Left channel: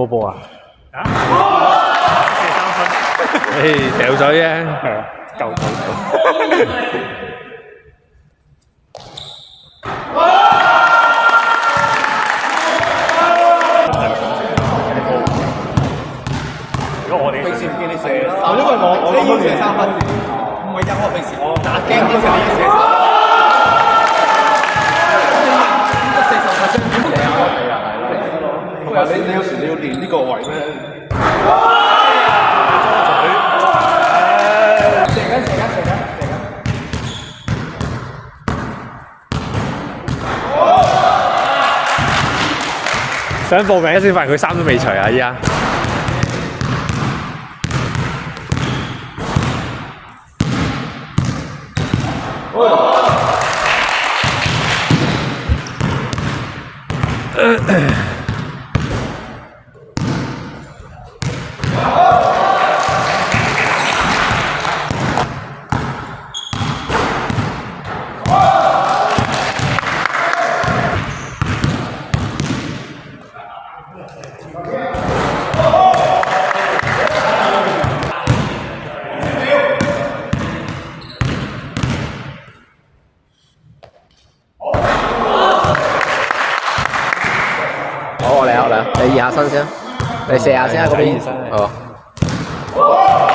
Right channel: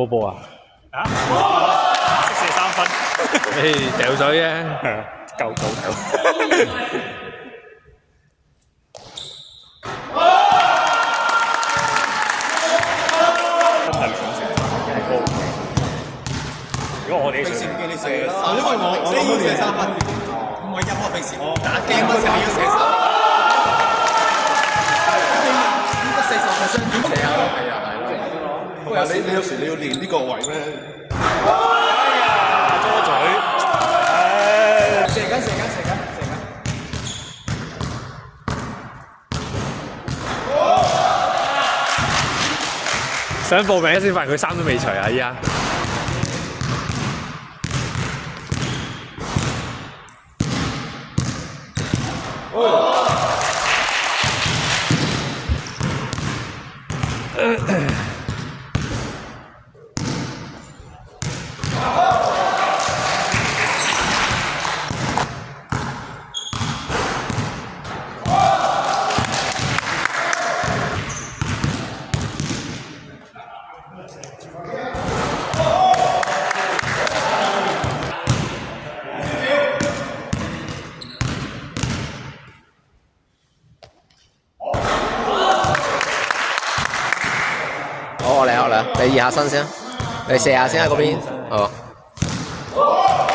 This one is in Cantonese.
冇波啊？啊！射3分。掉水啫。係啊，夠。如果我哋平時唔見你射3分，因為我要射3分，唔係㗎，我平時我打 game 嗰時候要射3分。得40%點射啊？係啊，不過你有時你要練呢個位咩？射緊。想報名先發現佢衫都未除啊！依家。好，我嚟，你熱下身先，你射下先啊嗰邊。好。